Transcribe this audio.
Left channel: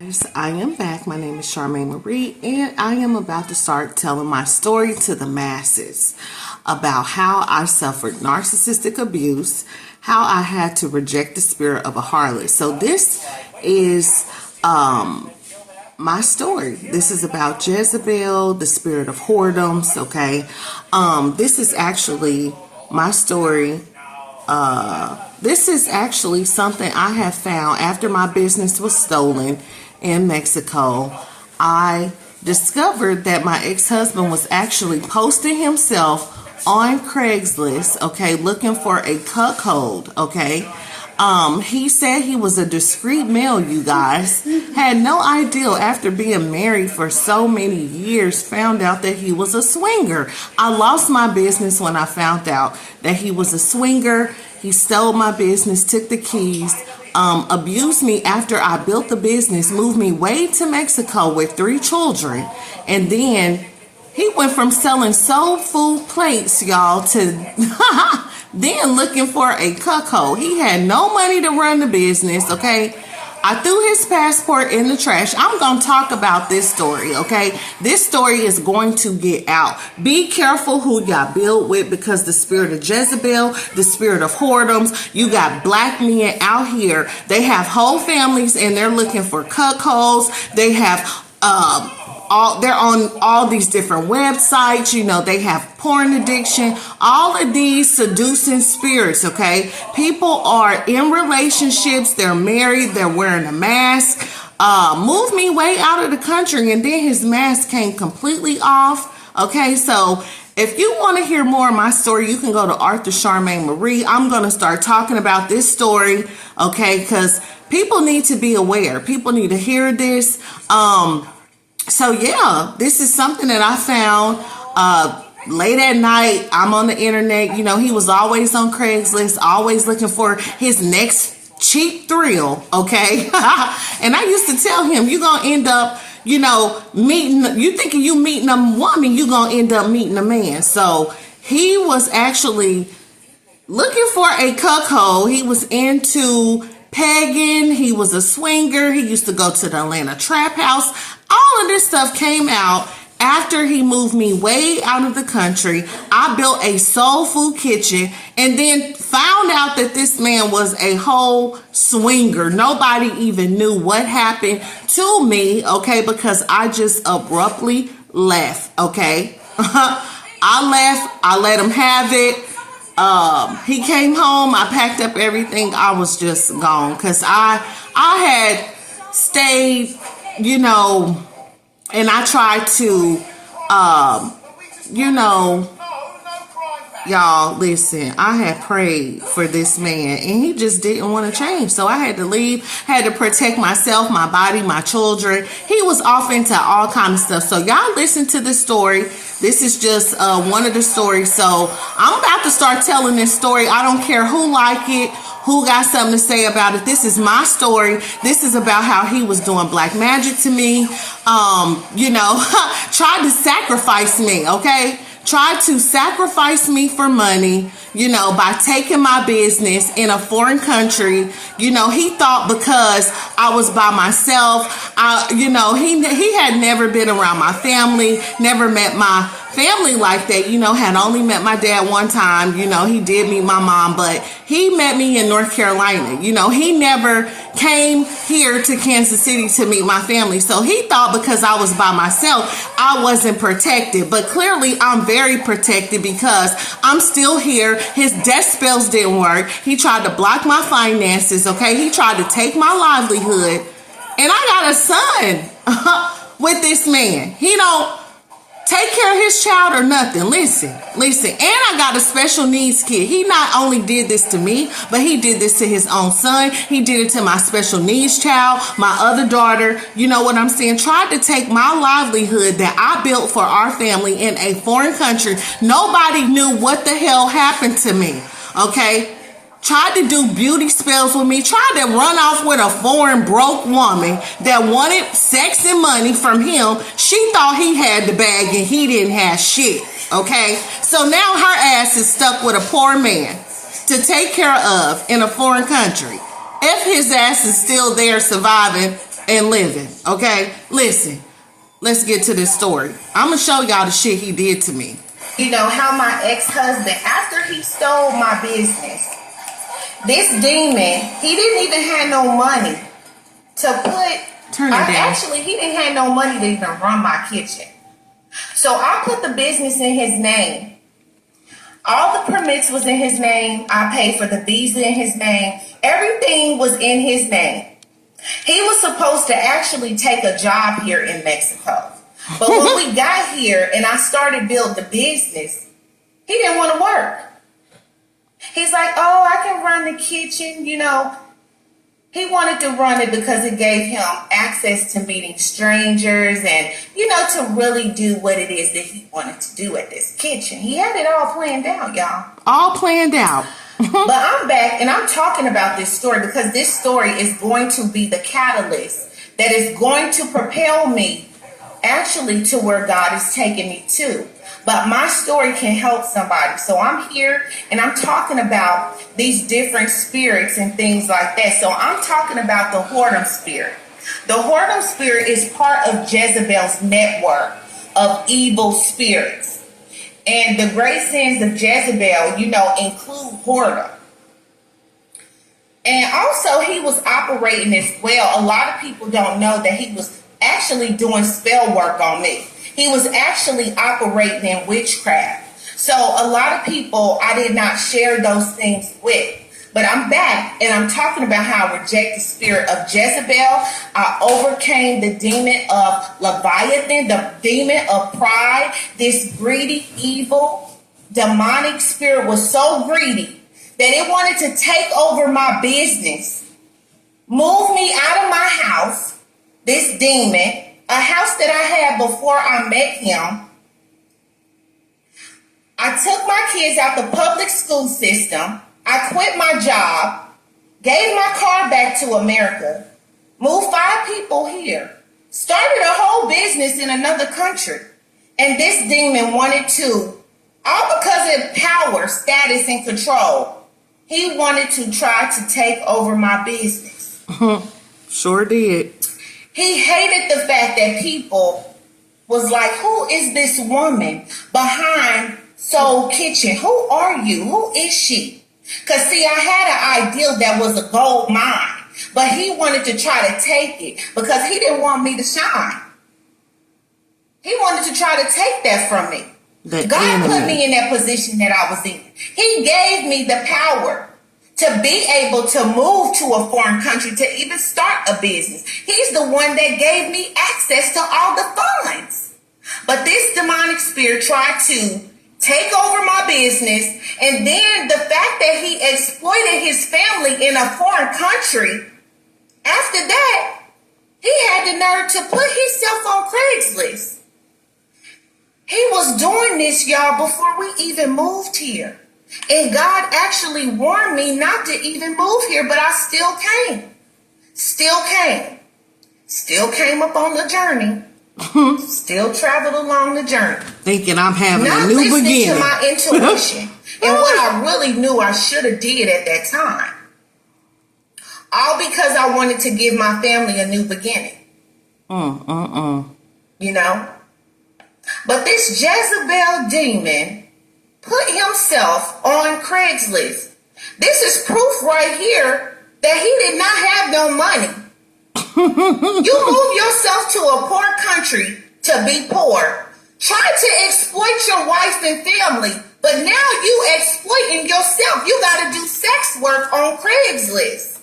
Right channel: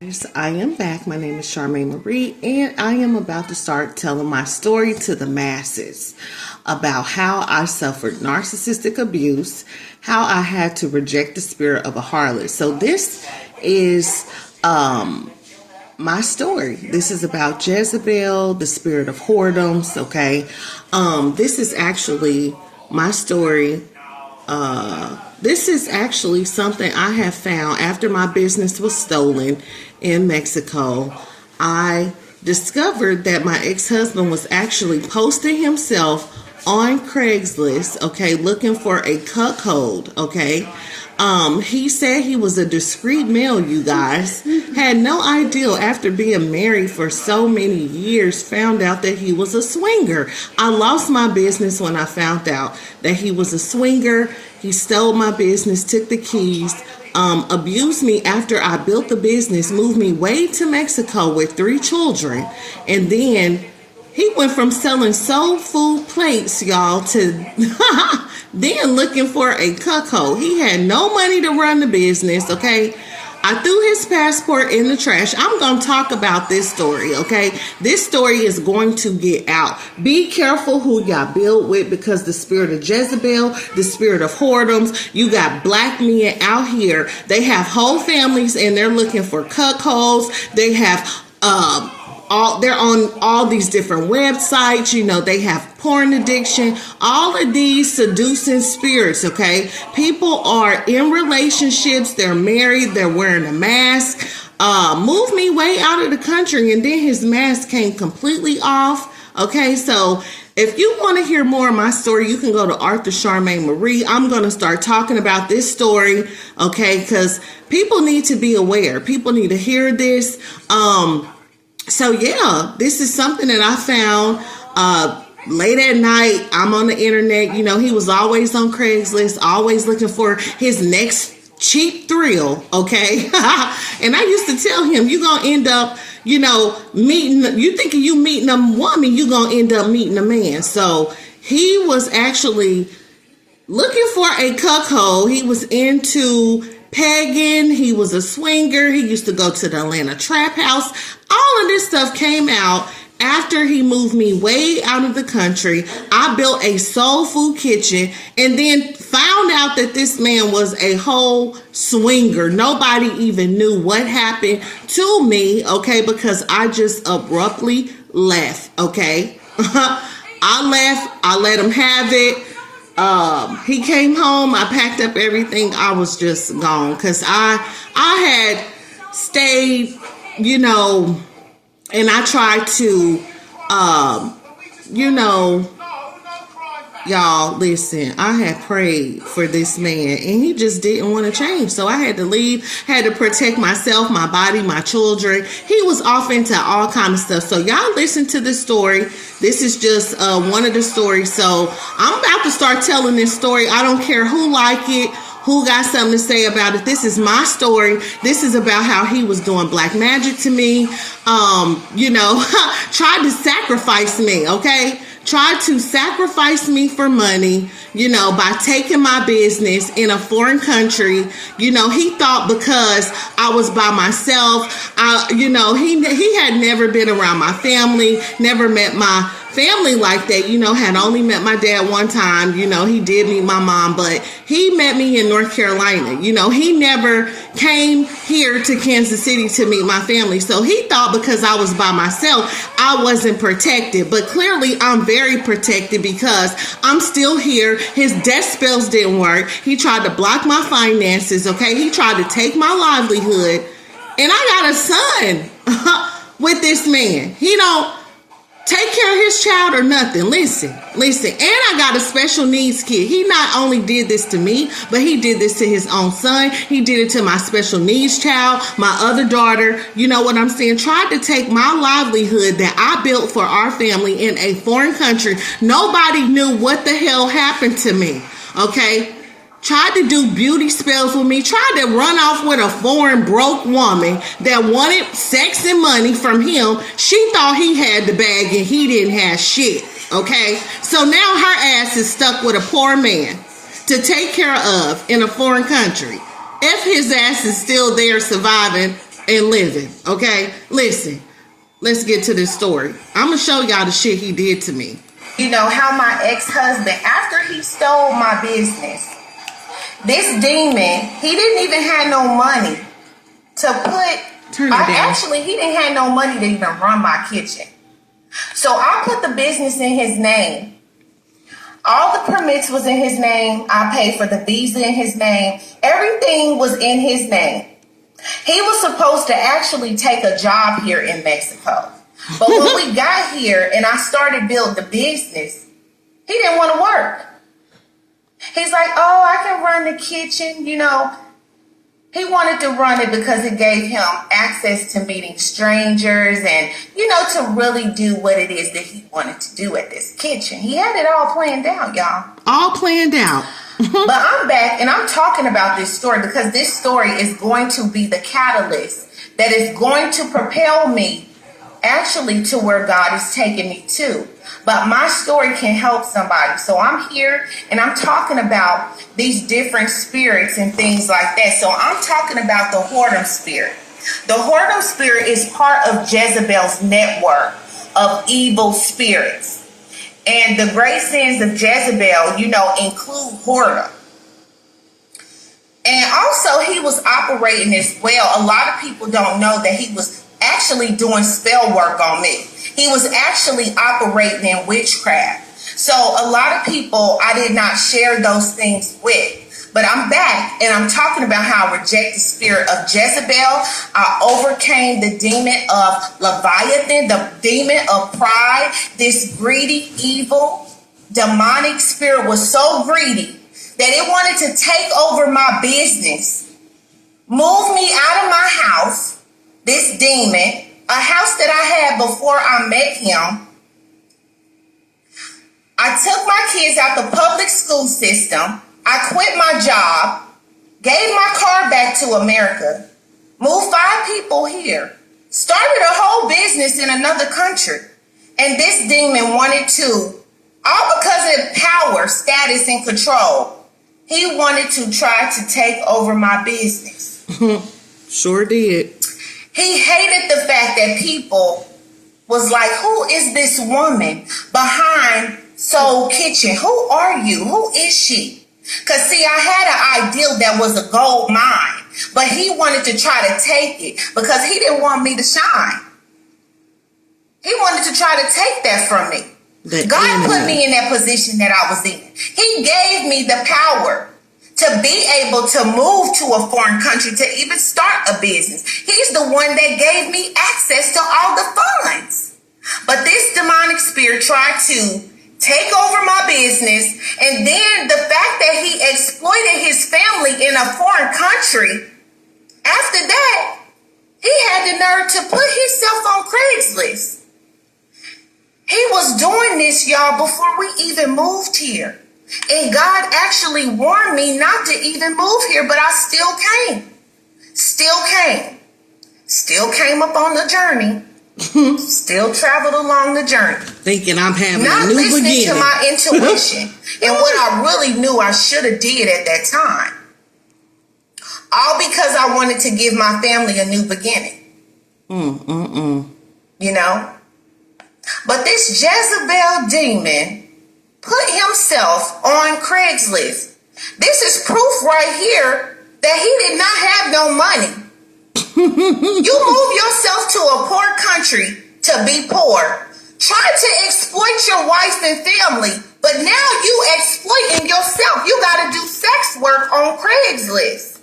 Yes, I am back. My name is Charmaine Marie, and I am about to start telling my story to the masses about how I suffered narcissistic abuse, how I had to reject the spirit of a harlot. So this is my story. This is about Jezebel, the spirit of whoredoms. Okay, this is actually my story. This is actually something I have found after my business was stolen in Mexico. I discovered that my ex-husband was actually posting himself on Craigslist, okay, looking for a cuckold, okay. He said he was a discreet male, you guys. Had no idea after being married for so many years, found out that he was a swinger. I lost my business when I found out that he was a swinger. He stole my business, took the keys, abused me after I built the business, moved me way to Mexico with 3 children. And then he went from selling soul food plates, y'all, to then looking for a cuckold. He had no money to run the business, okay? I threw his passport in the trash. I'm going to talk about this story, okay? This story is going to get out. Be careful who y'all build with, because the spirit of Jezebel, the spirit of whoredoms, you got black men out here. They have whole families and they're looking for cuckolds. They have, they're on all these different websites, you know, they have porn addiction, all of these seducing spirits, okay? People are in relationships, they're married, they're wearing a mask. Moved me way out of the country, and then his mask came completely off, okay? So if you want to hear more of my story, you can go to Author Charmaine Marie. I'm going to start talking about this story, okay? Because people need to be aware. People need to hear this. So yeah, this is something that I found late at night. I'm on the internet. You know, he was always on Craigslist, always looking for his next cheap thrill, okay? And I used to tell him, you're going to end up, you know, you thinking you meeting a woman, you're going to end up meeting a man. So he was actually looking for a cuckold. He was into pegging. He was a swinger. He used to go to the Atlanta trap house. All of this stuff came out after he moved me way out of the country. I built a soul food kitchen and then found out that this man was a whole swinger. Nobody even knew what happened to me, okay, because I just abruptly left, okay? I left. I let him have it. He came home. I packed up everything. I was just gone because I had stayed, you know, and I tried to, you know, y'all, listen, I had prayed for this man and he just didn't want to change. So I had to leave, had to protect myself, my body, my children. He was off into all kind of stuff. So y'all listen to this story. This is just one of the stories. So I'm about to start telling this story. I don't care who like it, who got something to say about it. This is my story. This is about how he was doing black magic to me. You know, tried to sacrifice me, okay? Tried to sacrifice me for money, you know, by taking my business in a foreign country. You know, he thought because I was by myself, you know, he had never been around my family, never met my family like that, you know, had only met my dad one time. You know, he did meet my mom, but he met me in North Carolina. You know, he never came here to Kansas City to meet my family. So he thought because I was by myself, I wasn't protected. But clearly I'm very protected because I'm still here. His death spells didn't work. He tried to block my finances, okay? He tried to take my livelihood. And I got a son with this man. He don't take care of his child or nothing. Listen. And I got a special needs kid. He not only did this to me, but he did this to his own son. He did it to my special needs child, my other daughter. You know what I'm saying? Tried to take my livelihood that I built for our family in a foreign country. Nobody knew what the hell happened to me. Okay? Tried to do beauty spells with me, tried to run off with a foreign broke woman that wanted sex and money from him. She thought he had the bag and he didn't have shit, okay? So now her ass is stuck with a poor man to take care of in a foreign country. If his ass is still there surviving, and living. Okay, listen. Let's get to this story. I'm gonna show y'all the shit he did to me. You know how my ex-husband, after he stole my business, this demon, he didn't even have no money to put. Turn it down. Actually, he didn't have no money to even run my kitchen. So I put the business in his name. All the permits was in his name. I paid for the visa in his name. Everything was in his name. He was supposed to actually take a job here in Mexico. But when we got here and I started building the business, he didn't want to work. He's like, oh, I can run the kitchen, you know. He wanted to run it because it gave him access to meeting strangers and, you know, to really do what it is that he wanted to do at this kitchen. He had it all planned out, y'all. All planned out. But I'm back and I'm talking about this story because this story is going to be the catalyst that is going to propel me actually to where God is taking me to. But my story can help somebody. So I'm here and I'm talking about these different spirits and things like that. So I'm talking about the whoredom spirit. The whoredom spirit is part of Jezebel's network of evil spirits. And the great sins of Jezebel, you know, include whoredom. And also he was operating as well. A lot of people don't know that he was actually doing spell work on me. He was actually operating in witchcraft. So a lot of people I did not share those things with. But I'm back and I'm talking about how I reject the spirit of Jezebel. I overcame the demon of Leviathan, the demon of pride. This greedy, evil, demonic spirit was so greedy that it wanted to take over my business, move me out of my house, this demon, a house that I had before I met him. I took my kids out the public school system. I quit my job, gave my car back to America, moved 5 people here, started a whole business in another country. And this demon wanted to, all because of power, status, and control, he wanted to try to take over my business. Sure did. He hated the fact that people was like, who is this woman behind Soul Kitchen? Who are you? Who is she? Because, see, I had an ideal that was a gold mine, but he wanted to try to take it because he didn't want me to shine. He wanted to try to take that from me. God put me in that position that I was in. He gave me the power to be able to move to a foreign country, to even start a business. He's the one that gave me access to all the funds. But this demonic spirit tried to take over my business, and then the fact that he exploited his family in a foreign country, after that, he had the nerve to put himself on Craigslist. He was doing this, y'all, before we even moved here. And God actually warned me not to even move here, but I still came. Still came up on the journey. Still traveled along the journey. Thinking I'm having not a new listening beginning. To my intuition and what I really knew I should have did at that time. All because I wanted to give my family a new beginning. You know? But this Jezebel demon put himself on Craigslist. This is proof right here that he did not have no money. You move yourself to a poor country to be poor. Try to exploit your wife and family, but now you exploiting yourself. You got to do sex work on Craigslist.